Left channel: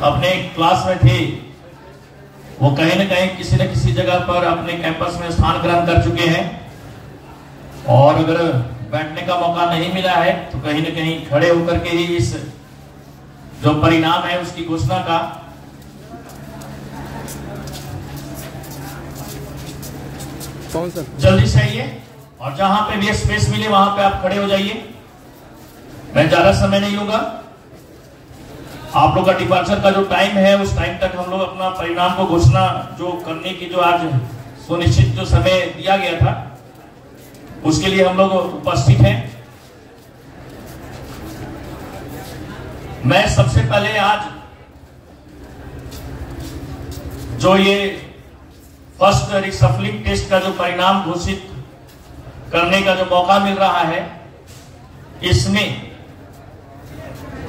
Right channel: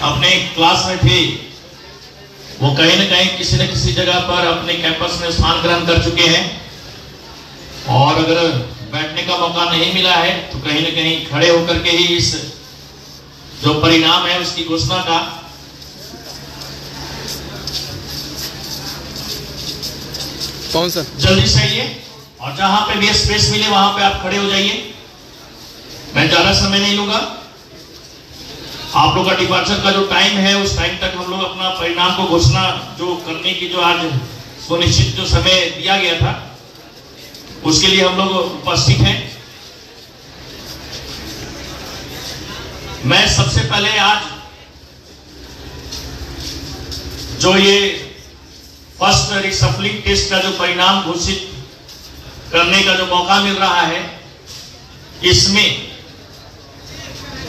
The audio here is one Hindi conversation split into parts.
अपने क्लास में थे वो कहीं न कहीं किसी न किसी जगह पर अपने कैंपस में स्थान ग्रहण कर चुके हैं, और अगर बैठने का मौका नहीं मिला है तो कहीं न कहीं खड़े होकर के ही इस जो परिणाम है उसकी घोषणा का कौन सा जल्दी से आइए, और जहां पे भी स्पेस मिले वहां पे आप खड़े हो जाइए। मैं ज्यादा समय नहीं लूंगा। आप लोग का डिपार्चर का जो टाइम है उस टाइम तक हम लोग अपना परिणाम को घोषणा जो करने की जो आज सुनिश्चित जो समय दिया गया था उसके लिए हम लोग उपस्थित हैं। मैं सबसे पहले आज जो ये फर्स्ट रिसफलिंग टेस्ट का जो परिणाम घोषित करने का जो मौका मिल रहा है, इसमें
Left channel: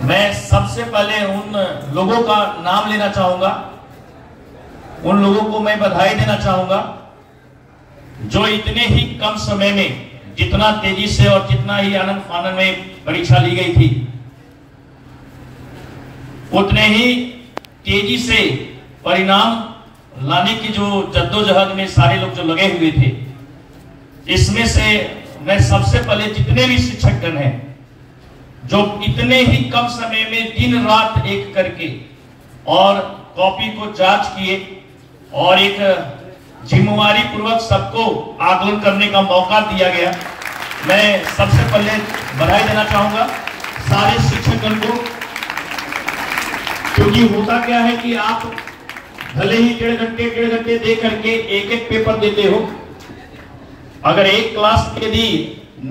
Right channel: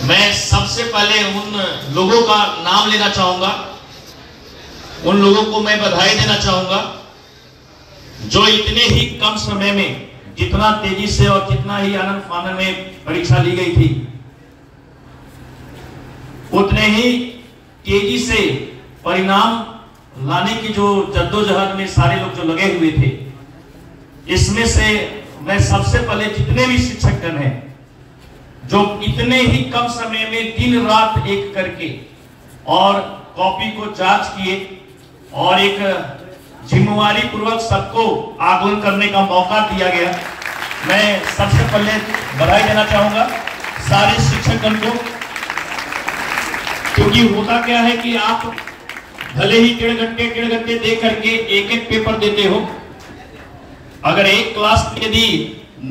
मैं सबसे पहले उन लोगों का नाम लेना चाहूंगा, उन लोगों को मैं बधाई देना चाहूंगा जो इतने ही कम समय में जितना तेजी से और जितना ही आनंद फानन में परीक्षा ली गई थी उतने ही तेजी से परिणाम लाने की जो जद्दोजहद में सारे लोग जो लगे हुए थे, इसमें से मैं सबसे पहले जितने भी शिक्षकगण हैं जो इतने ही कम समय में दिन रात एक करके और कॉपी को जांच किए और एक जिम्मेवारी पूर्वक सबको आकलन करने का मौका दिया गया, मैं सबसे पहले बधाई देना चाहूंगा सारे शिक्षकगण को। क्योंकि होता क्या है कि आप भले ही डेढ़ घंटे दे करके एक एक पेपर देते हो, अगर एक क्लास में यदि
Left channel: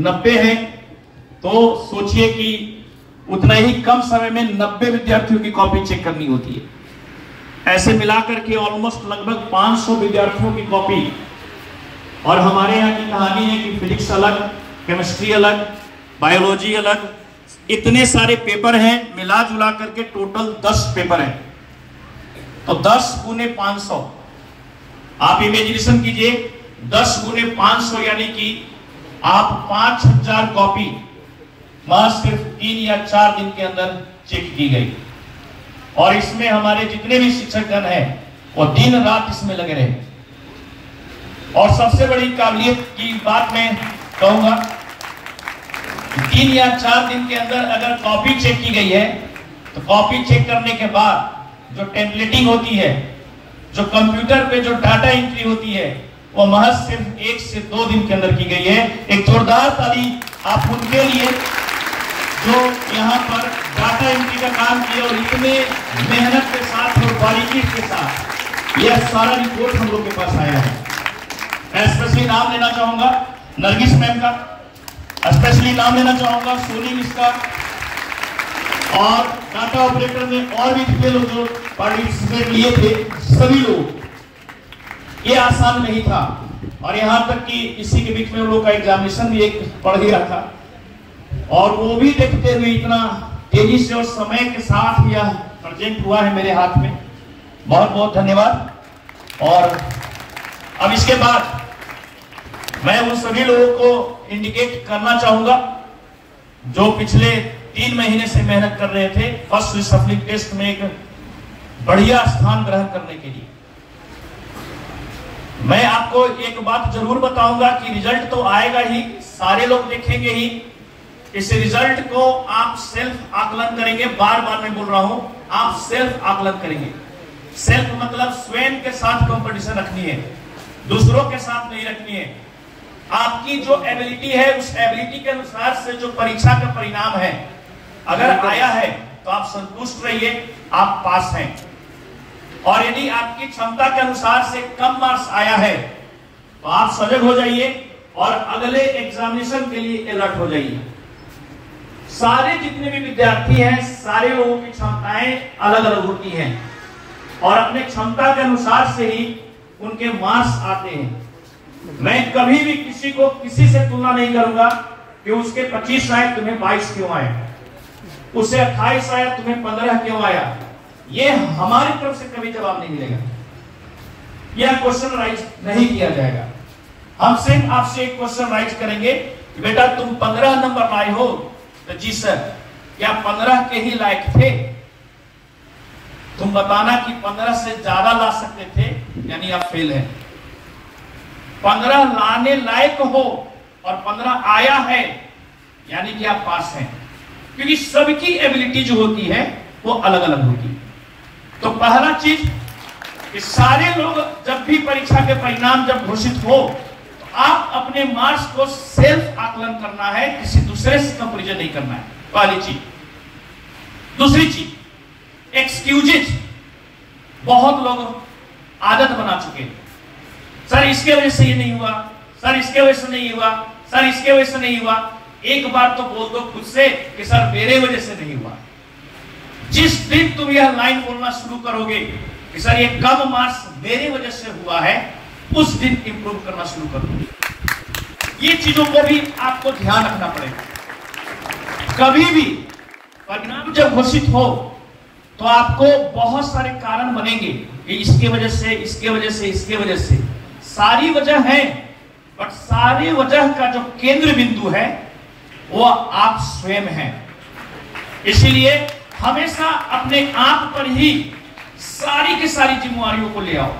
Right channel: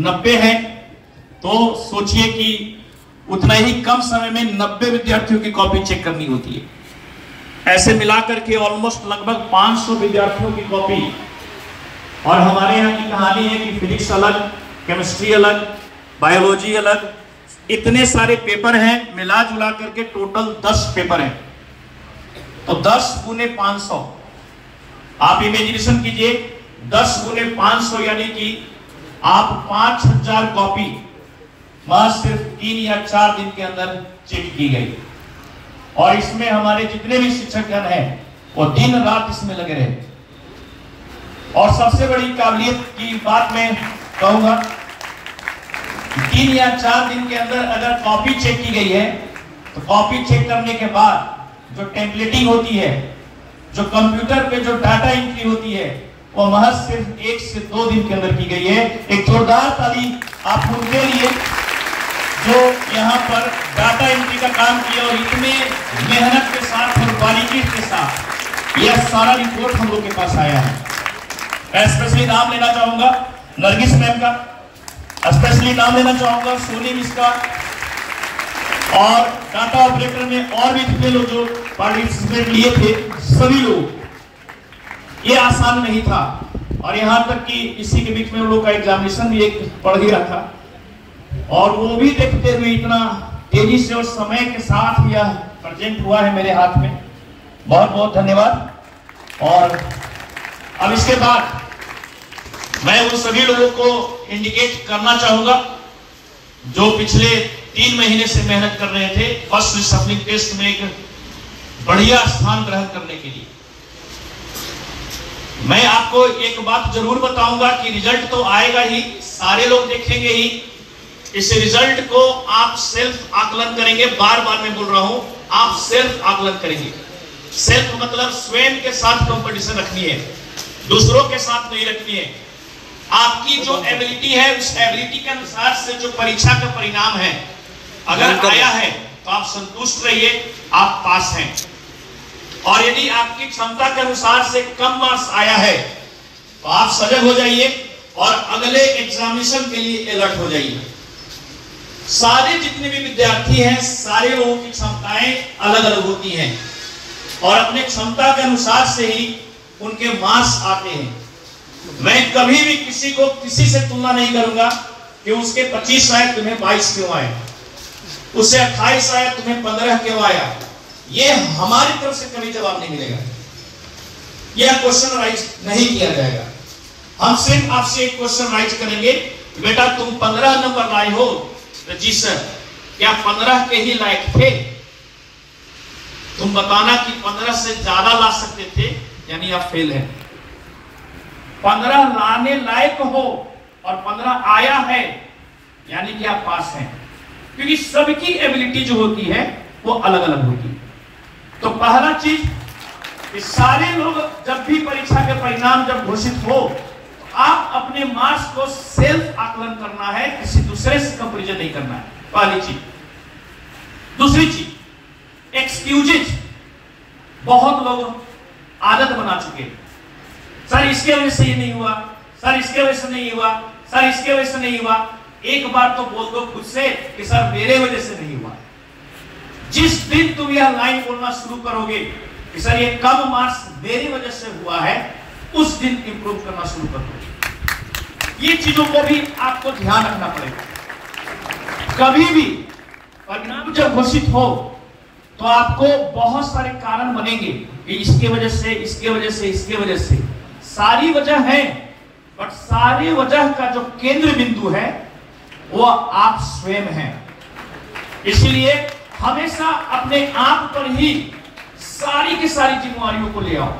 90 है तो सोचिए कि उतना ही कम समय में 90 विद्यार्थियों की कॉपी चेक करनी होती है। ऐसे मिलाकर के ऑलमोस्ट लगभग 500 विद्यार्थियों की कॉपी। और हमारे यहाँ की कहानी है कि फिजिक्स अलग, केमिस्ट्री अलग, बायोलॉजी अलग, इतने सारे पेपर हैं, मिला जुला करके टोटल 10 पेपर हैं। तो 10 गुने 500 आप इमेजिनेशन कीजिए, 10 गुने 500 यानी कि आप 5000 कॉपी बस सिर्फ 3 या 4 दिन के अंदर चेक की गई। और इसमें हमारे जितने भी शिक्षकगण हैं वो दिन रात इसमें लगे रहे। और सबसे बड़ी काबिलियत की बात मैं कहूंगा, 3 या 4 दिन के अंदर अगर कॉपी चेक की गई है तो कॉपी चेक करने के बाद जो टेम्पलेटिंग होती है, जो कंप्यूटर पे जो डाटा एंट्री होती है, वो महज सिर्फ 1 से 2 दिन के अंदर की गई है। एक जोरदार ताली आप उनके लिए जो यहाँ पर डाटा एंट्री का काम किया और इतने मेहनत के साथ और बारीकी के साथ यह सारा रिपोर्ट हम लोग के पास आया है। मैं स्पेशली नाम लेना चाहूंगा नरगिस मैम का, स्पेशली नाम लेना चाहूंगा सोनी मिस का, और डाटा ऑपरेटर में और भी जितने लोग जो पार्टिसिपेट लिए थे सभी लोग। ये आसान नहीं था, और यहाँ तक कि इसी के बीच में उन लोग का एग्जामिनेशन भी एक पढ़ ही रहा था, और वो भी देखते हुए इतना तेजी से और समय के साथ यह प्रेजेंट हुआ है मेरे हाथ में। बहुत बहुत धन्यवाद। और अब इसके बाद मैं उन सभी लोगों को इंडिकेट करना चाहूंगा जो पिछले 3 महीने से मेहनत कर रहे थे फर्स्ट रिसफलिंग टेस्ट में एक बढ़िया स्थान ग्रहण करने के लिए। मैं आपको एक बात जरूर बताऊंगा कि रिजल्ट तो आएगा ही, सारे लोग देखेंगे ही। इस रिजल्ट को आप सेल्फ आकलन करेंगे। बार बार मैं बोल रहा हूं, आप सेल्फ आकलन करेंगे। सेल्फ मतलब स्वयं के साथ कंपटीशन रखनी है, दूसरों के साथ नहीं रखनी है। आपकी जो एबिलिटी है उस एबिलिटी के अनुसार से जो परीक्षा का परिणाम है अगर आया है तो आप संतुष्ट रहिए, आप पास हैं। और यदि आपकी क्षमता के अनुसार से कम मार्क्स आया है तो आप सजग हो जाइए और अगले एग्जामिनेशन के लिए अलर्ट हो जाइए। सारे जितने भी विद्यार्थी हैं सारे लोगों की क्षमताएं अलग अलग होती हैं और अपने क्षमता के अनुसार से ही उनके मार्क्स आते हैं। मैं कभी भी किसी को किसी से तुलना नहीं करूंगा कि उसके 25 आए तुम्हें 22 क्यों आए, उससे 28 आया तुम्हें 15 क्यों आया। ये हमारी तरफ से कभी जवाब नहीं मिलेगा, यह क्वेश्चन राइज नहीं किया जाएगा। हम सिर्फ आपसे एक क्वेश्चन राइज करेंगे, बेटा तुम 15 नंबर लाए हो, तो जी सर क्या 15 के ही लायक थे? तुम बताना कि 15 से ज्यादा ला सकते थे, यानी आप फेल हैं। 15 लाने लायक हो और 15 आया है, यानी कि आप पास हैं। क्योंकि सबकी एबिलिटी जो होती है वो अलग अलग होती है। तो पहला चीज कि सारे लोग जब भी परीक्षा के परिणाम जब घोषित हो, आप अपने मार्क्स को सेल्फ आकलन करना है, किसी दूसरे से कंपैरिजन नहीं करना है, पहली चीज। दूसरी चीज, एक्सक्यूजेज बहुत लोग आदत बना चुके हैं। सर इसके वजह से ये नहीं हुआ, सर इसके वजह से नहीं हुआ, सर इसके वजह से नहीं हुआ। एक बार तो बोल दो खुद से कि सर मेरे वजह से नहीं हुआ। जिस दिन तुम यह लाइन बोलना शुरू करोगे कि सर ये कम मार्क्स मेरी वजह से हुआ है, उस दिन इंप्रूव करना शुरू करोगे। ये चीजों को भी आपको ध्यान रखना पड़ेगा। कभी भी परिणाम जब घोषित हो तो आपको बहुत सारे कारण बनेंगे कि इसके वजह से, इसके वजह से, इसके वजह से। सारी वजह है, बट सारी वजह का जो केंद्र बिंदु है वो आप स्वयं हैं। इसीलिए हमेशा अपने आप पर ही सारी की सारी जिम्मेवारियों को ले आओ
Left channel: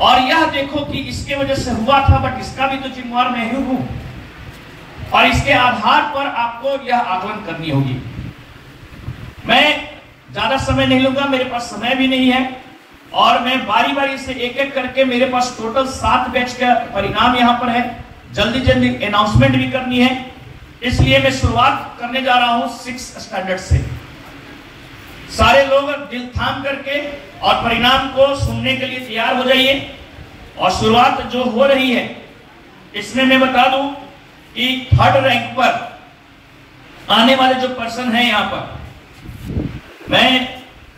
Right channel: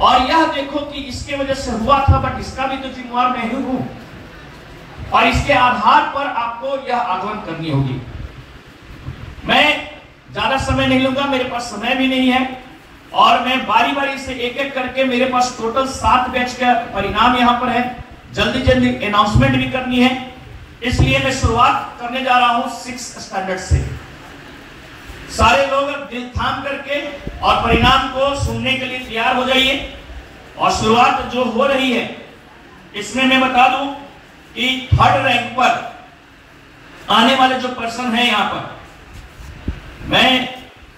और यह देखो कि इसके वजह से हुआ था, बट इसका भी तो जिम्मेवार मैं ही हूं, और इसके आधार पर आपको यह आकलन करनी होगी। मैं ज्यादा समय नहीं लूंगा, मेरे पास समय भी नहीं है, और मैं बारी बारी से एक एक करके, मेरे पास टोटल 7 बैच का परिणाम यहां पर है, जल्दी जल्दी अनाउंसमेंट भी करनी है। इसलिए मैं शुरुआत करने जा रहा हूं 6 स्टैंडर्ड से। सारे लोग दिल थाम करके और परिणाम को सुनने के लिए तैयार हो जाइए। और शुरुआत जो हो रही है इसमें मैं बता दूं कि 3rd रैंक पर आने वाले जो पर्सन है यहां पर, मैं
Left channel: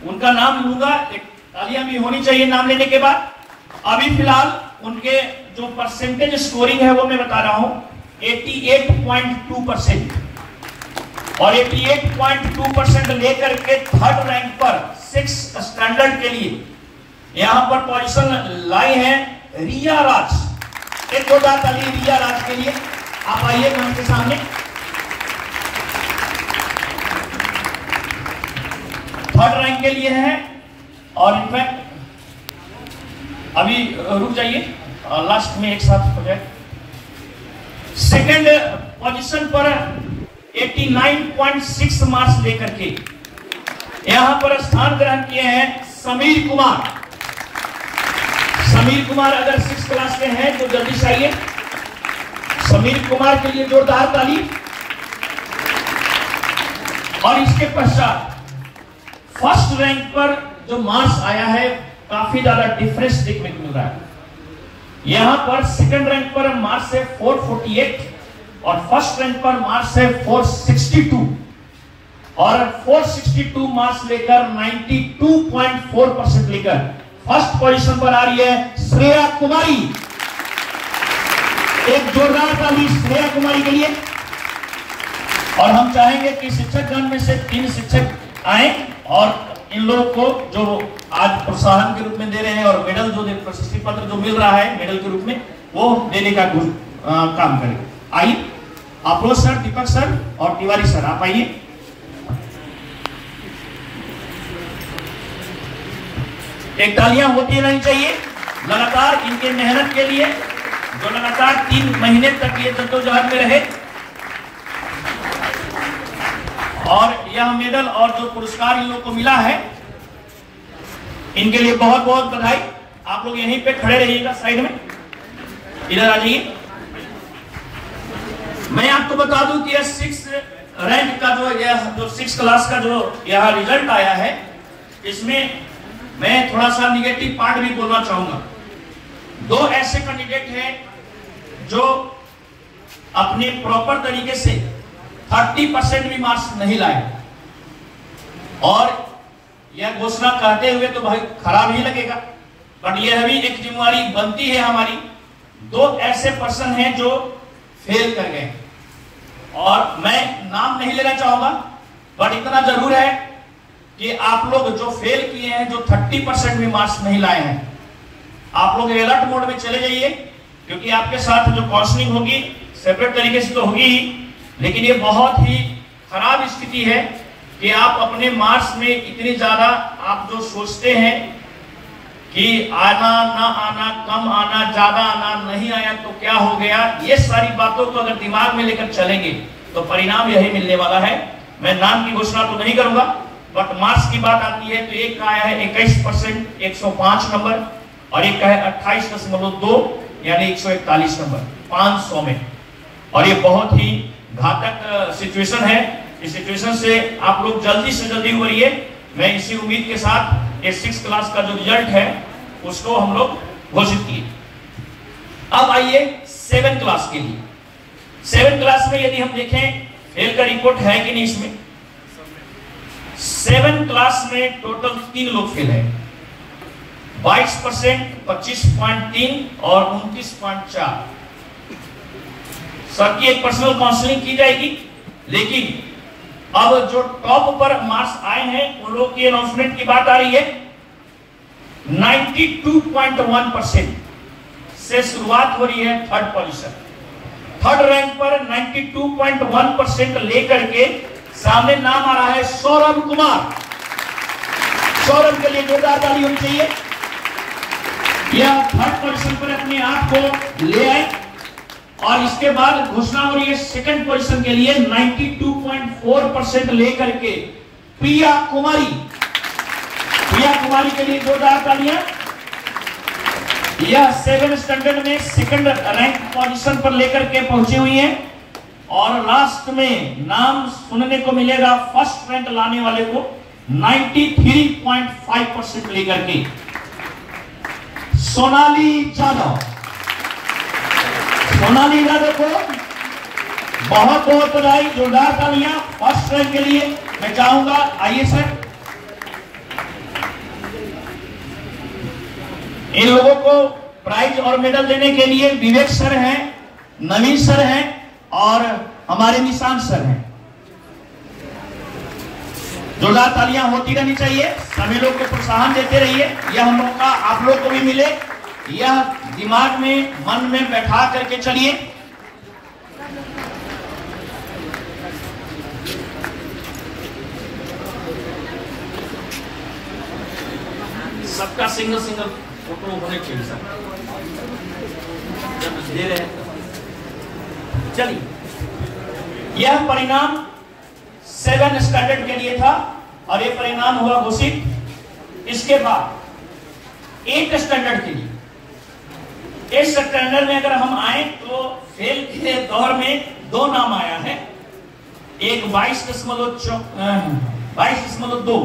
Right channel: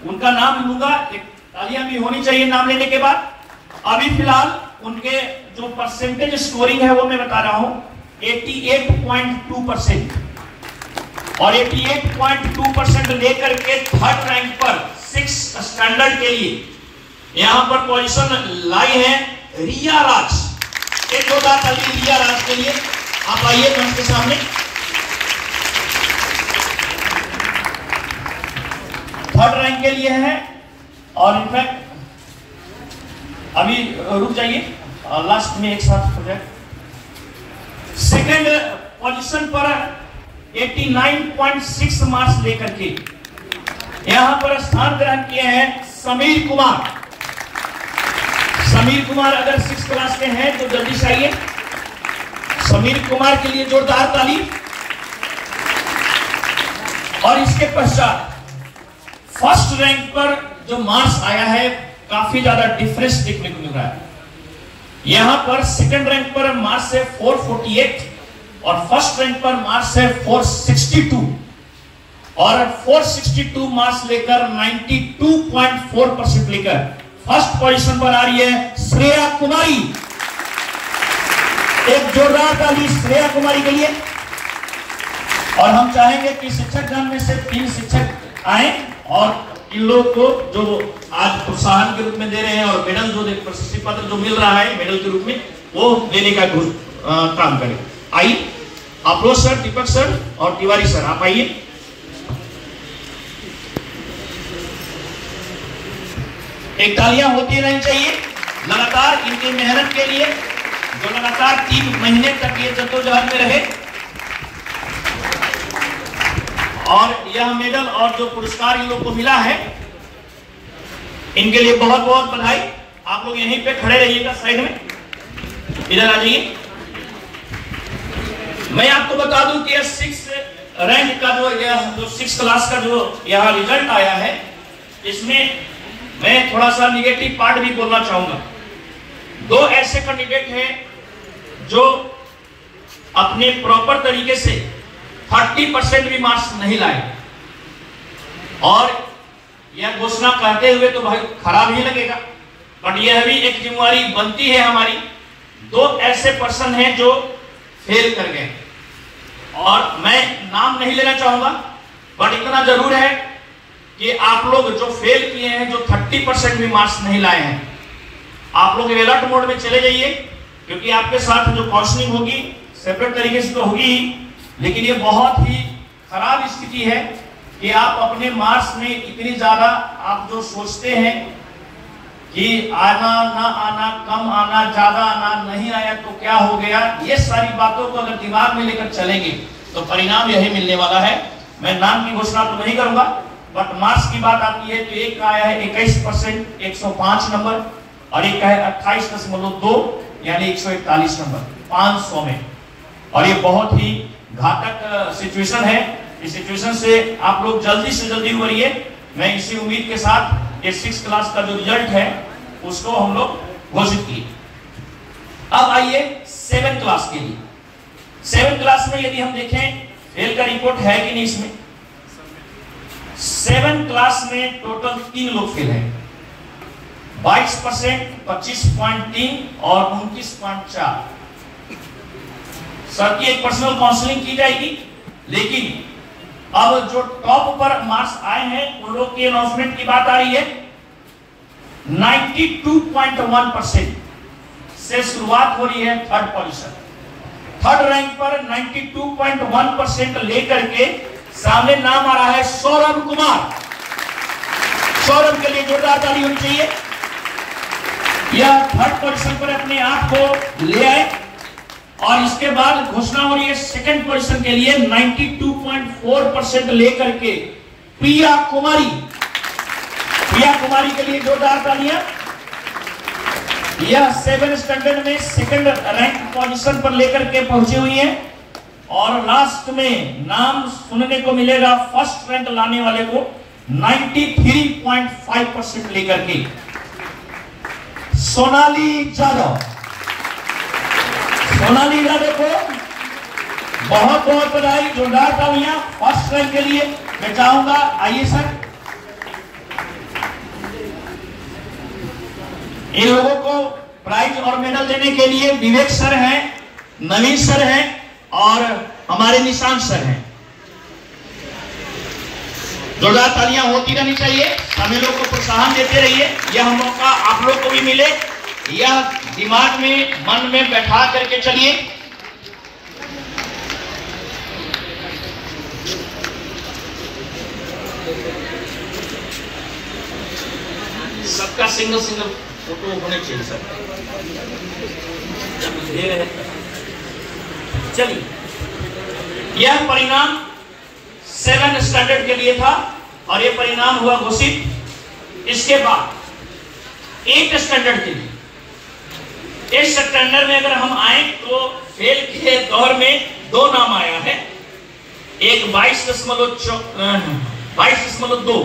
उनका नाम लूंगा, एक तालियां भी होनी चाहिए नाम लेने के बाद। अभी फिलहाल उनके जो परसेंटेज स्कोरिंग है वो मैं बता रहा हूं 88.2%, और 88.2% लेकर के 3rd रैंक पर 6 स्टैंडर्ड के लिए यहां पर पोजीशन लाई है रिया राज। एक जोरदार ताली रिया राज के लिए। आप आइए मंच के सामने। 3rd रैंक के लिए है, और इनफैक्ट अभी रुक जाइए, लास्ट में एक साथ हो गया। 2nd पोजीशन पर 89.6 मार्क्स लेकर के यहां पर स्थान ग्रहण किए हैं समीर कुमार। समीर कुमार अगर 6th क्लास के हैं तो जल्दी से आइए। समीर कुमार के लिए जोरदार ताली। और इसके पश्चात 1st रैंक पर जो मार्क्स आया है, काफी ज्यादा डिफरेंस देखने को मिल रहा है। यहां पर 2nd रैंक पर मार्क्स है 448 और 1st रैंक पर मार्क्स है 462, और 462 मार्क्स लेकर 92.4% लेकर 1st पोजीशन पर आ रही है श्रेया कुमारी। एक जोरदार ताली श्रेया कुमारी के लिए। और हम चाहेंगे कि शिक्षक गण में से 3 शिक्षक आए और इन लोगों को जो आज प्रोत्साहन के रूप में दे रहे हैं और मेडल जो प्रशस्ति पत्र जो मिल रहा है मेडल के रूप में, वो देने का काम करें। आइए अफरोज सर, दीपक सर और तिवारी सर, आप आइए। एक तालियां होती रहनी चाहिए लगातार इनके मेहनत के लिए, जो लगातार 3 महीने तक ये जद्दोजहद में रहे। और यह मेडल और जो पुरस्कार इन लोग को मिला है, इनके लिए बहुत बहुत बधाई। आप लोग यहीं पे खड़े रहिएगा, साइड में इधर आ जाइए। मैं आपको बता दूं कि 6 रैंक का जो 6 क्लास का जो यहाँ रिजल्ट आया है, इसमें मैं थोड़ा सा निगेटिव पार्ट भी बोलना चाहूंगा। 2 ऐसे कैंडिडेट हैं जो अपने प्रॉपर तरीके से 30% भी मार्क्स नहीं लाए, और यह घोषणा कहते हुए तो भाई खराब ही लगेगा, बट यह भी एक जिम्मेवारी बनती है हमारी। 2 ऐसे पर्सन हैं जो फेल कर गए, और मैं नाम नहीं लेना चाहूंगा, बट इतना जरूर है कि आप लोग जो फेल किए हैं, जो 30% भी मार्क्स नहीं लाए हैं, आप लोग अलर्ट मोड में चले जाइए, क्योंकि आपके साथ जो काउंसलिंग होगी सेपरेट तरीके से तो होगी ही, लेकिन ये बहुत ही खराब स्थिति है कि आप अपने मार्क्स में इतनी ज्यादा आप जो सोचते हैं कि आना ना आना, कम आना, ज्यादा आना, नहीं आया तो क्या हो गया, ये सारी बातों को अगर दिमाग में लेकर चलेंगे तो परिणाम यही मिलने वाला है। मैं नाम की घोषणा तो नहीं करूंगा, बट मार्क्स की बात आती है तो एक का आया है 21%, 105 नंबर, और एक का है 28.2 यानी 141 नंबर 500 में। और ये बहुत ही घातक सिचुएशन है। इस सिचुएशन से आप लोग जल्दी से जल्दी उभरिए। मैं इसी उम्मीद के साथ ये 6 क्लास का जो रिजल्ट है उसको हम लोग घोषित किए। अब आइए 7 क्लास के लिए। 7 क्लास में यदि हम देखें फेल का रिपोर्ट है कि नहीं इसमें। 7 क्लास में टोटल 3 लोग फेल है, 22%, 25.3 और 29.4। सबकी एक पर्सनल काउंसलिंग की जाएगी, लेकिन अब जो टॉप पर मार्क्स आए हैं उन लोग की अनाउंसमेंट की बात आ रही है। 92.1% से शुरुआत हो रही है थर्ड पोजीशन। थर्ड रैंक पर 92.1% लेकर के सामने नाम आ रहा है सौरभ कुमार। सौरभ के लिए जोरदार ताली होनी चाहिए। यह थर्ड पोजीशन पर अपने आप को ले आए और इसके बाद घोषणा हो रही है सेकंड पोजीशन के लिए 92.4% लेकर के प्रिया कुमारी। प्रिया कुमारी के लिए जोरदार तालियां। यह 7 स्टैंडर्ड में सेकंड रैंक पोजीशन पर लेकर के पहुंची हुई हैं और लास्ट में नाम सुनने को मिलेगा फर्स्ट रैंक लाने वाले को 93.5% लेकर के सोनाली यादव। सोनाली यादव को बहुत बहुत बधाई, जोरदार तालियां फर्स्ट रैंक के लिए। मैं चाहूंगा आइए सर, इन लोगों को प्राइज और मेडल देने के लिए विवेक सर हैं, नवीन सर हैं और हमारे निशांत सर हैं। जोरदार तालियां होती रहनी चाहिए, हमें लोग को प्रोत्साहन देते रहिए। यह मौका आप लोग को भी मिले, यह दिमाग में मन में बैठा करके चलिए। सबका सिंगल सिंगल फोटो होने चाहिए सर, दे रहे। चलिए, यह परिणाम 7 स्टैंडर्ड के लिए था और यह परिणाम हुआ घोषित। इसके बाद 8 स्टैंडर्ड के लिए, 8 स्टैंडर्ड में अगर हम आए तो फेल के दौर में 2 नाम आया है। एक 22.2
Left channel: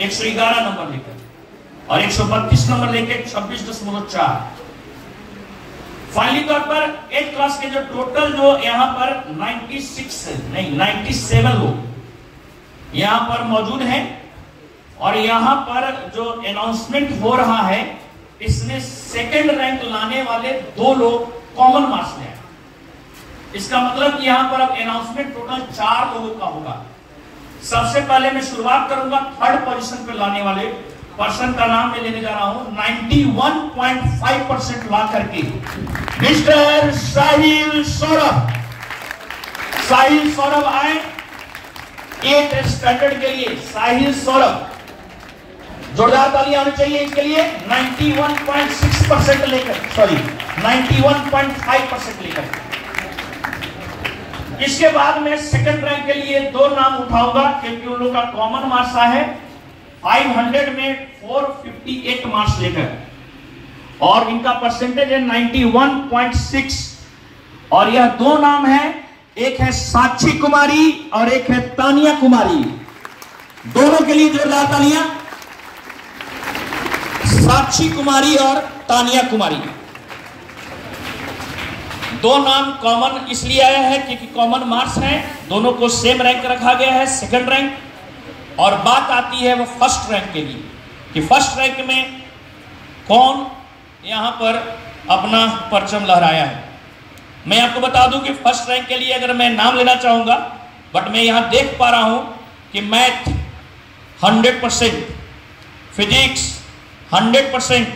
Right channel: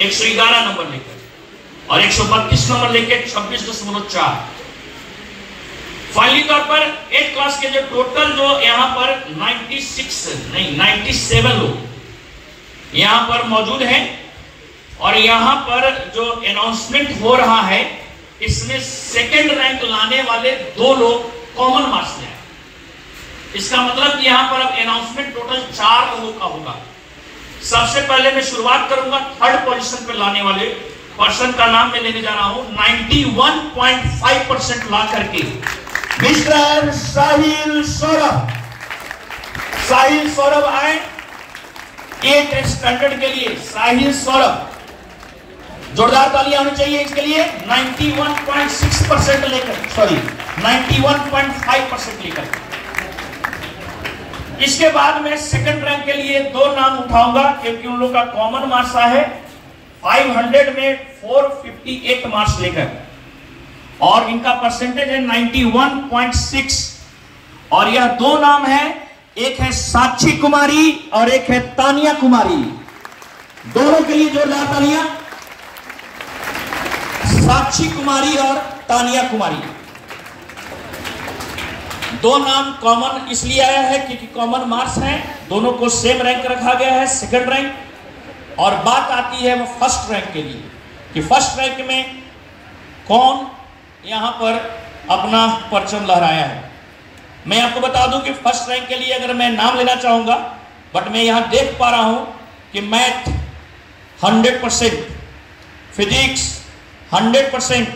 111 नंबर लेकर और 132 नंबर लेके 26.4। फाइनली तौर पर 8 क्लास के जो टोटल जो यहां पर 97 लोग यहां पर मौजूद हैं और यहां पर जो अनाउंसमेंट हो रहा है इसमें सेकंड रैंक लाने वाले 2 लोग कॉमन मार्क्स ले आए। इसका मतलब कि यहां पर अब अनाउंसमेंट टोटल 4 लोगों का होगा। सबसे पहले मैं शुरुआत करूंगा थर्ड पोजीशन पे लाने वाले पर्सन का नाम मैं लेने जा रहा हूं। 91.5% ला करके मिस्टर साहिल सौरभ। साहिल सौरभ आए 8 स्टैंडर्ड के लिए। साहिल सौरभ, जोरदार तालियां होनी चाहिए इसके लिए। 91.6% लेकर, सॉरी 91.5% लेकर। इसके बाद मैं सेकंड रैंक के लिए 2 नाम उठाऊंगा क्योंकि उन लोग का कॉमन मार्क्स है 500 में 458 मार्क्स लेकर और इनका परसेंटेज है 91.6। और यह 2 नाम है, एक है साक्षी कुमारी और एक है तानिया कुमारी। दोनों के लिए जोरदार तालियां। साक्षी कुमारी और तानिया कुमारी, 2 नाम कॉमन इसलिए आया है क्योंकि कॉमन मार्क्स हैं, दोनों को सेम रैंक रखा गया है, सेकंड रैंक। और बात आती है वो फर्स्ट रैंक के लिए कि फर्स्ट रैंक में कौन यहां पर अपना परचम लहराया है। मैं आपको बता दूं कि फर्स्ट रैंक के लिए अगर मैं नाम लेना चाहूंगा, बट मैं यहां देख पा रहा हूं कि math 100%, physics 100%,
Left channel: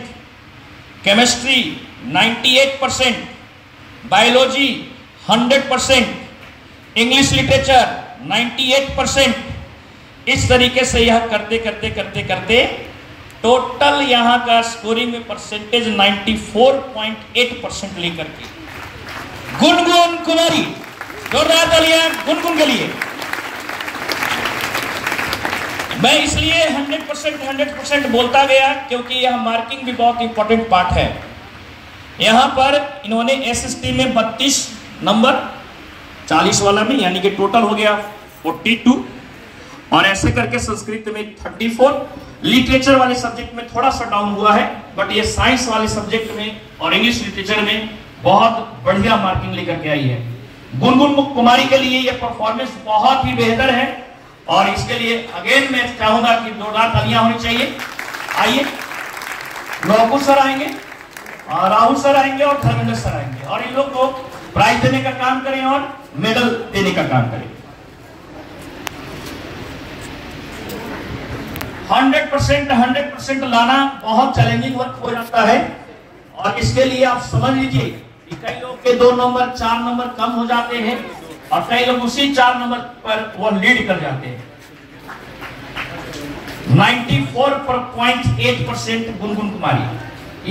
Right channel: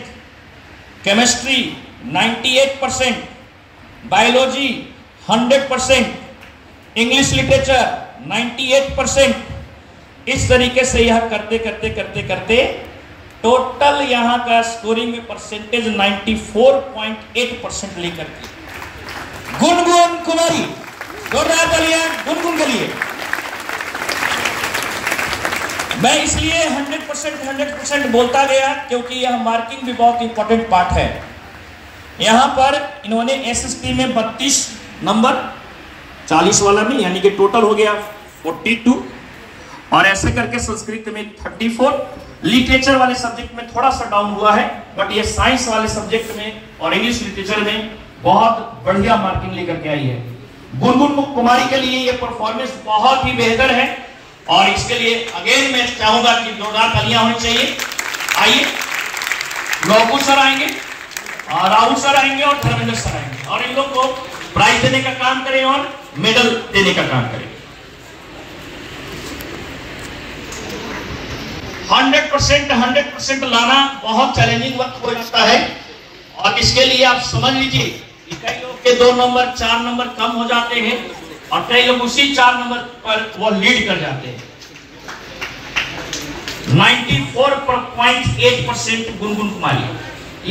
chemistry 98%, biology 100%, English literature 98%, इस तरीके से यह करते करते करते करते टोटल यहां का स्कोरिंग में परसेंटेज 94.8% लेकर के गुनगुन कुमारी, जोरदार तालियां गुनगुन के लिए। मैं इसलिए 100% बोलता गया क्योंकि यह मार्किंग भी बहुत इंपॉर्टेंट पार्ट है। यहां पर इन्होंने एसएसटी में 32 नंबर, 40 वाला में, यानी कि टोटल हो गया 42, और ऐसे करके संस्कृत में 34, लिटरेचर वाले सब्जेक्ट में थोड़ा सा डाउन हुआ है, बट ये साइंस वाले सब्जेक्ट में और इंग्लिश लिटरेचर में बहुत बढ़िया मार्किंग लेकर के आई है। गुनगुन कुमारी के लिए ये परफॉर्मेंस बहुत ही बेहतर है और इसके लिए अगेन मैं चाहूंगा कि जोरदार तालियां होनी चाहिए। आइए, लोकू सर आएंगे, राहुल सर आएंगे और धर्मेंद्र सर आएंगे और इन लोग को प्राइज देने का काम करें और मेडल देने का काम करें। 100% लाना बहुत चैलेंजिंग वक्त हो जाता है और इसके लिए आप समझ लीजिए कि कई लोग के 2 नंबर 4 नंबर कम हो जाते हैं और कई लोग उसी 4 नंबर पर वो लीड कर जाते हैं। 94.8% गुनगुन कुमारी,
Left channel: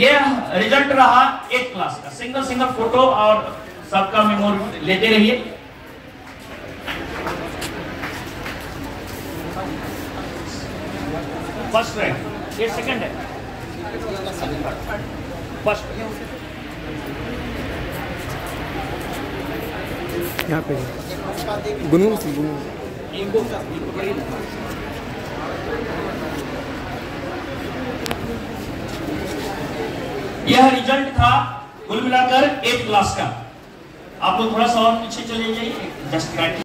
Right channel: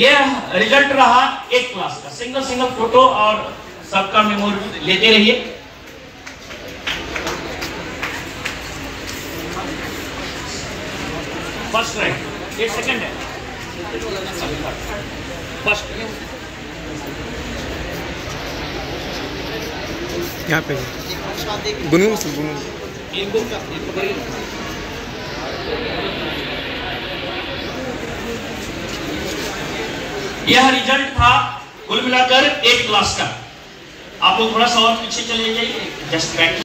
यह रिजल्ट रहा 8 क्लास का। सिंगल फोटो और सबका मेमोरी लेते रहिए। फर्स्ट रैंक, ये सेकंड है, फर्स्ट यहाँ पे गुनगुन सर, गुनगुन यह रिजल्ट था कुल मिलाकर 8 क्लास का। आप लोग थोड़ा सा और पीछे चले जाइए, जस्ट